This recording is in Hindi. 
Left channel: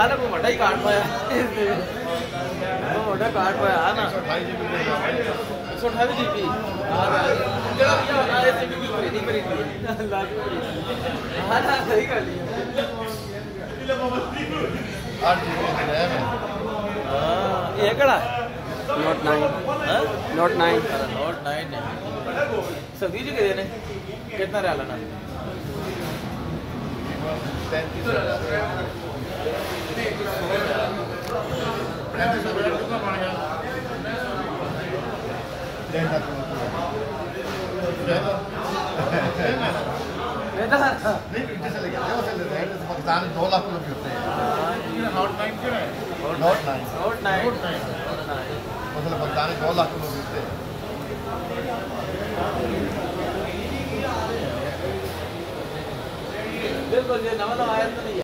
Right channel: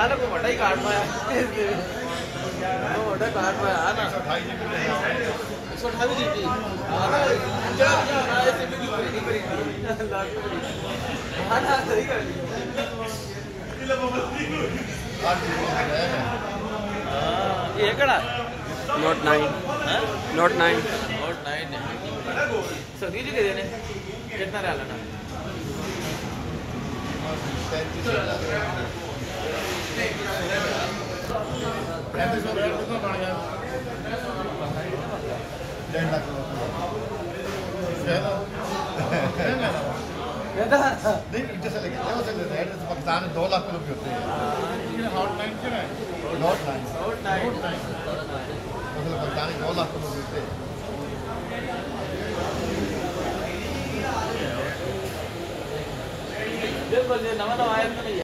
अरे वो बड़ा ही काट पाया, वो बड़ा काट पाया ना 128 जीबी सही कर ये कड़ा नोट 9 नोट 9 सदी जी के कितना रहा लेना 33,000 नहीं जैसे लगे पाकिस्तान 2 लाख लोग होते हैं नॉट 9 क्यों है नॉट 9 मतलब पाकिस्तान 2 लाख लोग होते हैं बिल्कुल ये नवा आया नहीं